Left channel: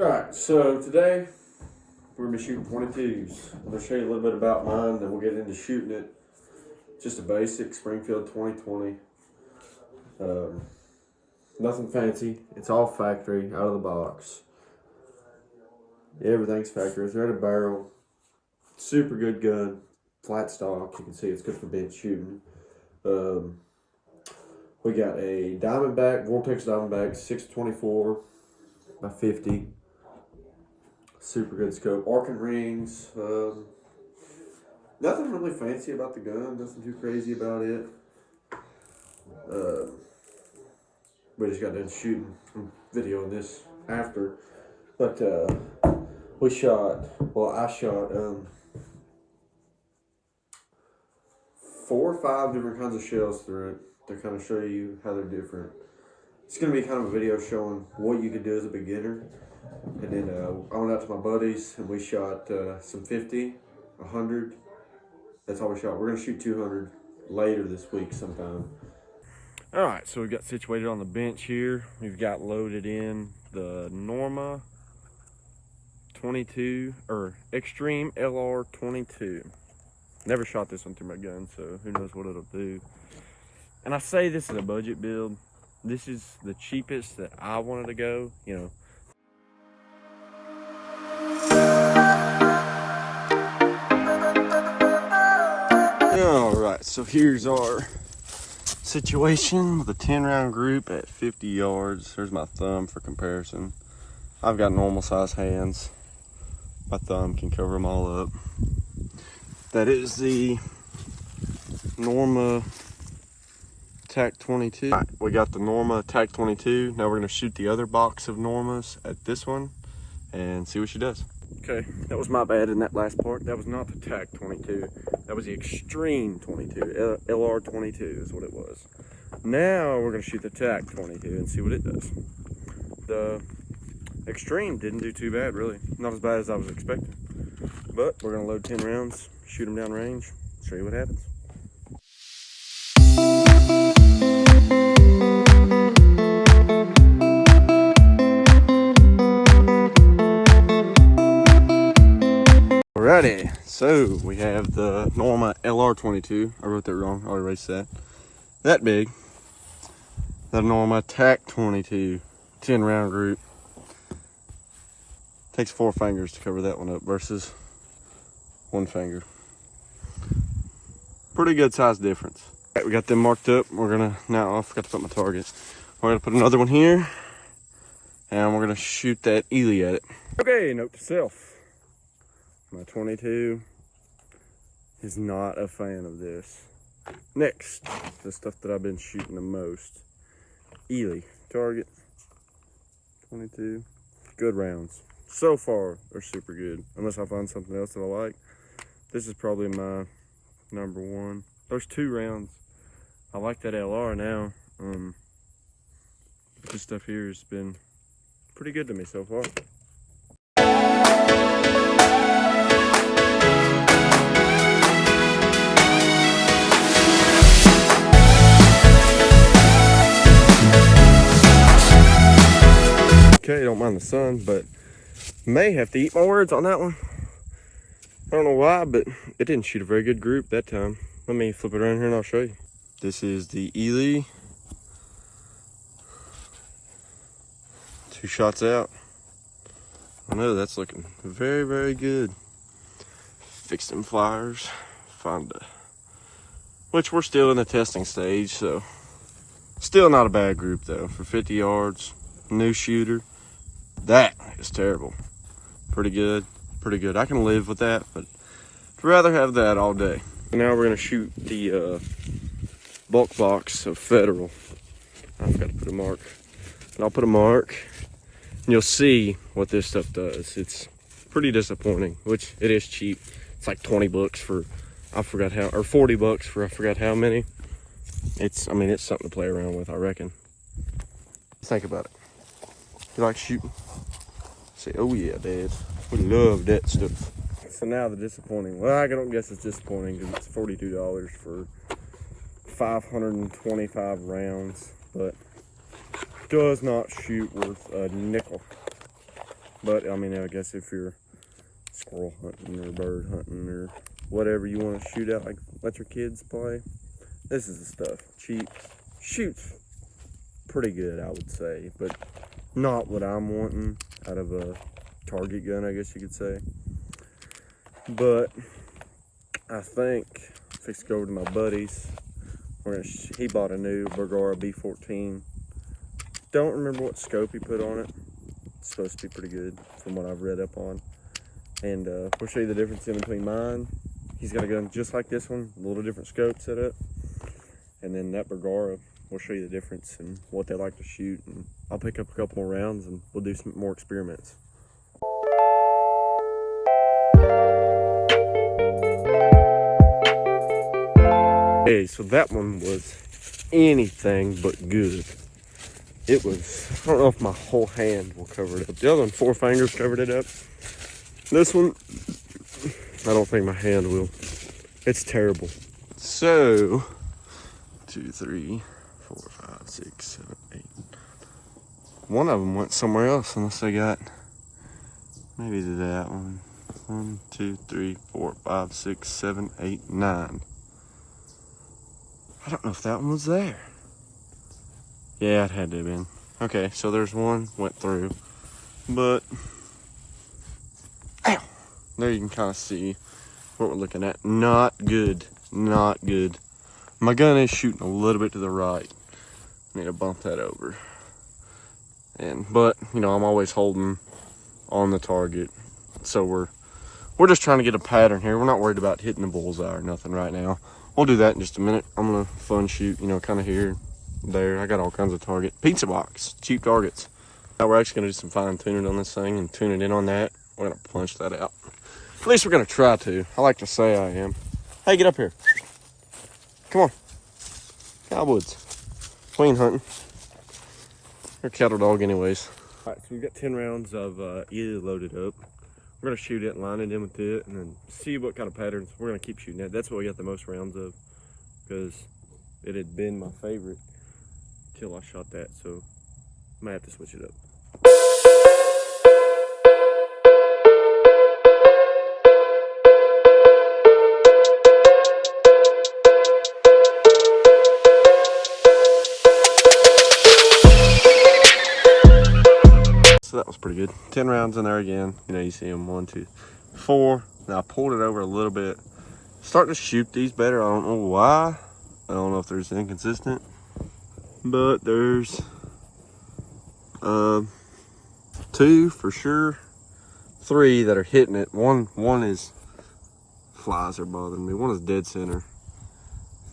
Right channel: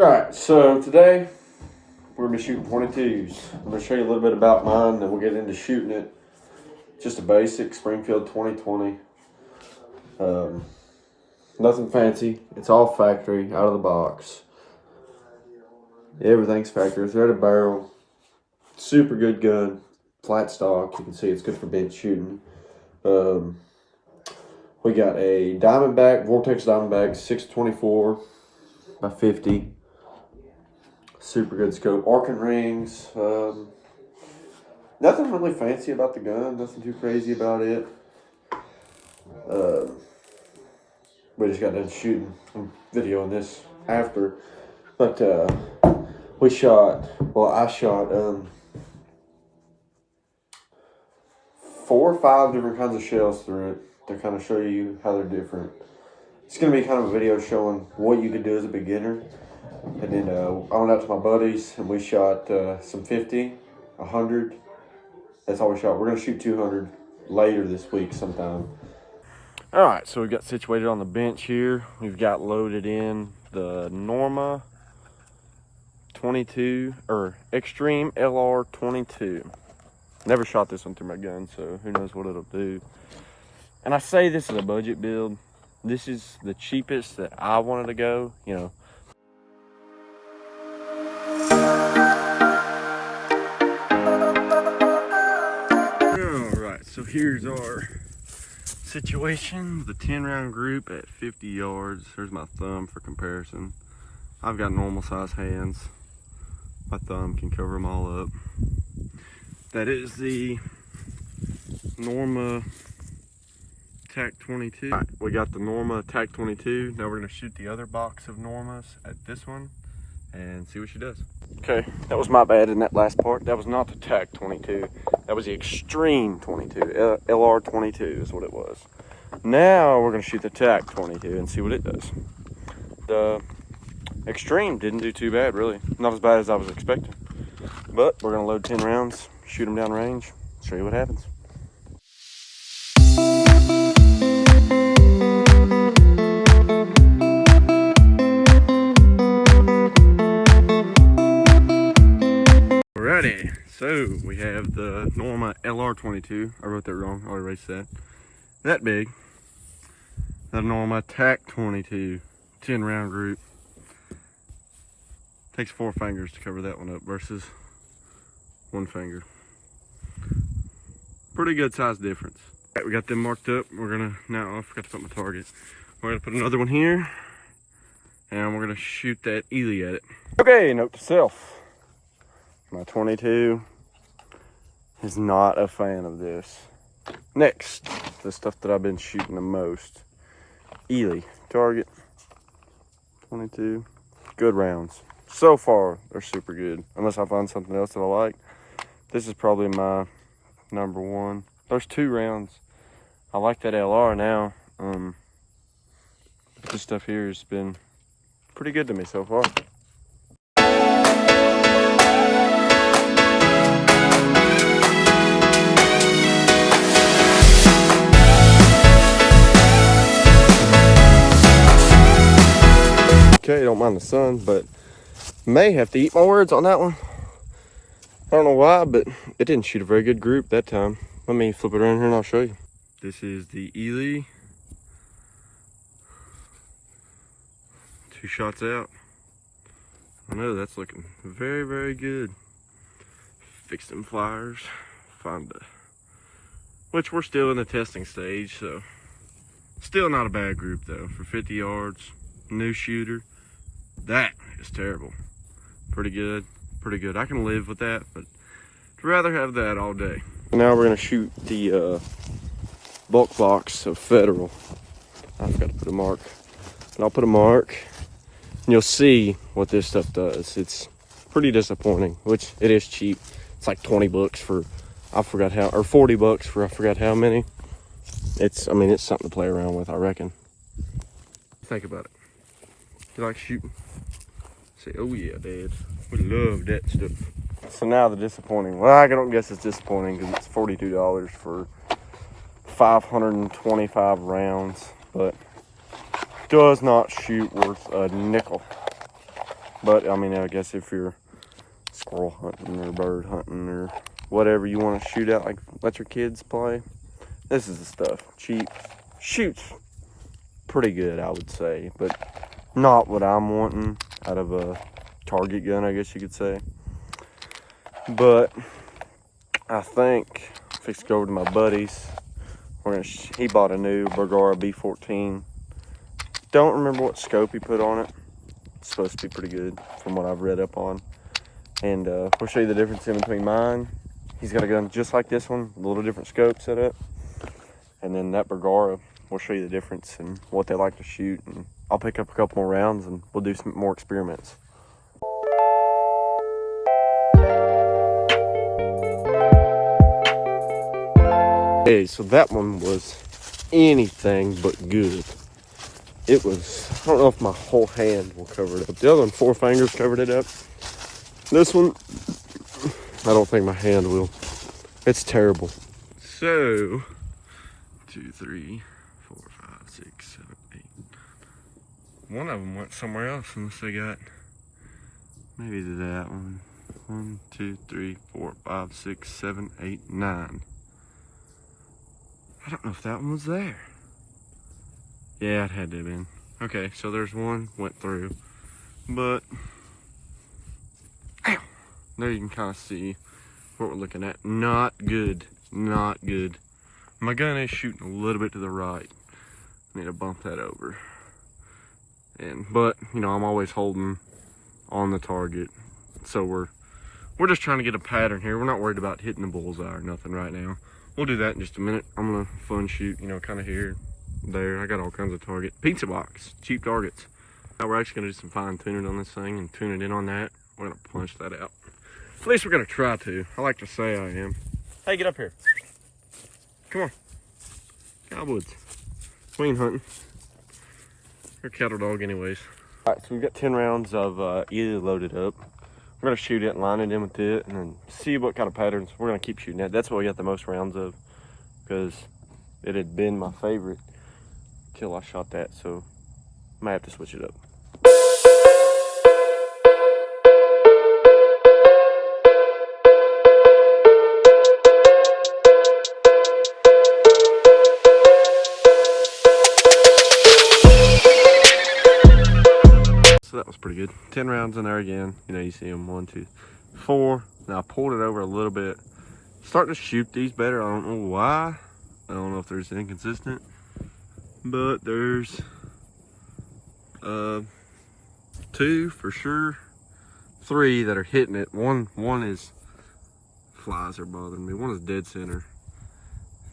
Alright, so today we're going to be shooting 22s. I'm going to show you a little bit about mine, then we'll get into shooting it. Just a basic Springfield 2020. Nothing fancy. It's all factory, out of the box. Everything's factory. It's ready to barrel. Super good gun. Flat stock. You can see it's good for bench shooting. We got a Diamondback, Vortex Diamondback 624 by 50. Super good scope. Arcing rings. Nothing really fancy about the gun. Nothing too crazy about it. We just got done shooting some video on this after. But I shot 4 or 5 different kinds of shells through it to kind of show you how they're different. It's going to be kind of a video showing what you could do as a beginner. And then I went out to my buddies and we shot some 50, 100. That's all we shot. We're going to shoot 200 later this week sometime. All right, so we got situated on the bench here. We've got loaded in the Norma 22 or Extreme LR 22. Never shot this one through my gun, so who knows what it'll do. And I say this is a budget build. This is the cheapest that I wanted to go, you know. All right, so here's our situation with a 10-round group at 50 yards. There's my thumb for comparison. I've got normal size hands. My thumb can cover them all up. That is the Norma TAC 22. All right, we got the Norma TAC 22. Now we're gonna shoot the other box of Normas at this one and see what she does. Okay, that was my bad in that last part. That was not the TAC 22. That was the Extreme 22. LR 22 is what it was. Now we're gonna shoot the TAC 22 and see what it does. The Extreme didn't do too bad, really. Not as bad as I was expecting. But we're gonna load 10 rounds, shoot them down range, show you what happens. Alrighty, so we have the Norma LR 22. I wrote that wrong, I'll erase that. That big. The Norma TAC 22, 10 round group. Takes 4 fingers to cover that one up versus 1 finger. Pretty good size difference. All right, we got them marked up. We're gonna, now I forgot to put my target. We're gonna put another one here and we're gonna shoot that Ely at it. Okay, note to self. My 22 is not a fan of this. Next, the stuff that I've been shooting the most. Ely, target, 22, good rounds. So far, they're super good. Unless I find something else that I like. This is probably my number one. There's 2 rounds. I like that LR now. This stuff here has been pretty good to me so far. Okay, don't mind the sun, but may have to eat my words on that one. I don't know why, but it didn't shoot a very good group that time. Let me flip it around here and I'll show you. This is the Ely. 2 shots out. I know that's looking very, very good. Fix them flyers. Which we're still in the testing stage, so still not a bad group though. For 50 yards, new shooter. That is terrible. Pretty good, pretty good. I can live with that, but I'd rather have that all day. Now we're gonna shoot the bulk box of Federal. I forgot to put a mark, but I'll put a mark and you'll see what this stuff does. It's pretty disappointing, which it is cheap. It's like 20 bucks for, I forgot how, or 40 bucks for I forgot how many. I mean, it's something to play around with, I reckon. Think about it. You like shooting? Say, oh yeah, Dad. We love that stuff. So now the disappointing. Well, I don't guess it's disappointing because it's $42 for 525 rounds, but does not shoot worth a nickel. But I mean, I guess if you're squirrel hunting or bird hunting or whatever you want to shoot at, like let your kids play, this is the stuff. Cheap, shoots pretty good, I would say, but not what I'm wanting out of a target gun, I guess you could say. But I think I'm fixed to go over to my buddy's. He bought a new Bergara B14. Don't remember what scope he put on it. It's supposed to be pretty good from what I've read up on. And we'll show you the difference in between mine. He's got a gun just like this one, a little different scope set up. And then that Bergara, we'll show you the difference and what they like to shoot. And I'll pick up a couple more rounds and we'll do some more experiments. Okay, so that one was anything but good. It was, I don't know if my whole hand will cover it up. The other one, 4 fingers covered it up. This one, I don't think my hand will. It's terrible. So, 2, 3, 4, 5, 6, 7, 8. One of them went somewhere else unless they got maybe that one. 1, 2, 3, 4, 5, 6, 7, 8, 9. I don't know if that one was there. Yeah, it had to have been. Okay, so there's one went through, but ow, there you can kind of see what we're looking at. Not good, not good. My gun is shooting a little bit to the right. I need to bump that over. But you know, I'm always holding on the target, so we're just trying to get a pattern here. We're not worried about hitting the bullseye or nothing right now. We'll do that in just a minute. I'm gonna fun shoot, you know, kind of here, there. I got all kinds of target. Pizza box, cheap targets. Now we're actually gonna do some fine tuning on this thing and tune it in on that. We're gonna punch that out. At least we're gonna try to. I like to say I am. Hey, get up here. Come on. Cowwoods. Clean hunting. They're cattle dog anyways. All right, so we've got 10 rounds of either loaded up. We're gonna shoot it and line it in with it and then see what kind of patterns. We're gonna keep shooting that. That's what we got the most rounds of because it had been my favorite till I shot that. So I might have to switch it up. So that was pretty good. 10 rounds in there again. You know, you see them 1, 2, 4. Now I pulled it over a little bit. Starting to shoot these better. I don't know why. I don't know if there's inconsistent, but there's 2 for sure. 3 that are hitting it. One is flies are bothering me. One is dead center.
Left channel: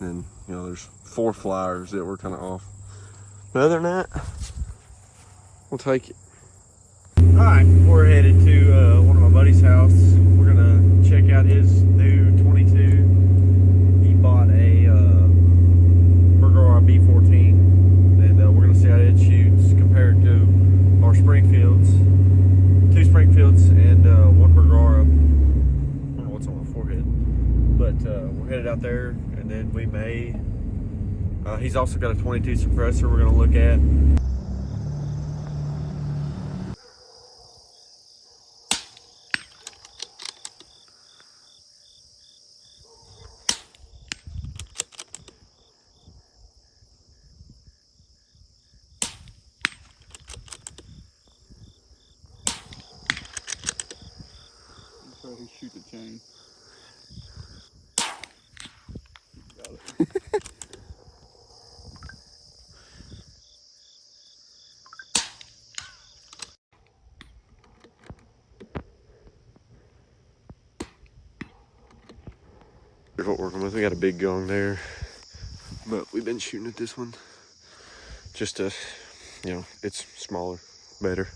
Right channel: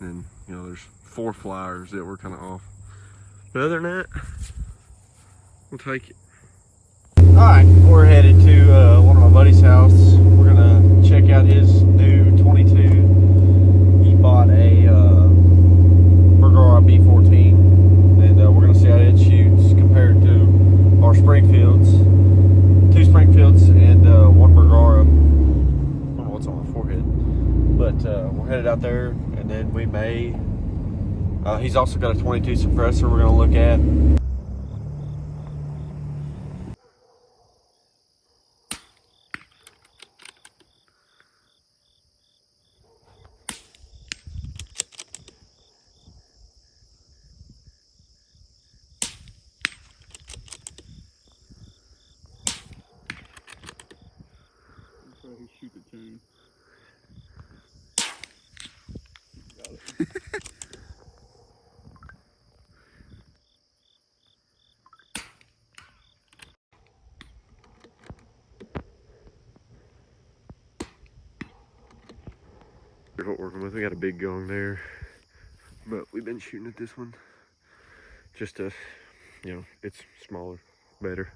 And you know, there's 4 flyers that were kind of off. But other than that, we'll take it. All right, we're headed to one of my buddy's house. We're gonna check out his new 22. He bought a Bergara B14, and we're gonna see how it shoots compared to our Springfields. 2 Springfields and 1 Bergara. I don't know what's on my forehead, but we're headed out there, and then we may. He's also got a 22 suppressor we're gonna look at. He shoot the chain. Got it. Here's what we're working with. We got a big gong there, but we've been shooting at this one just to, you know, it's smaller, better.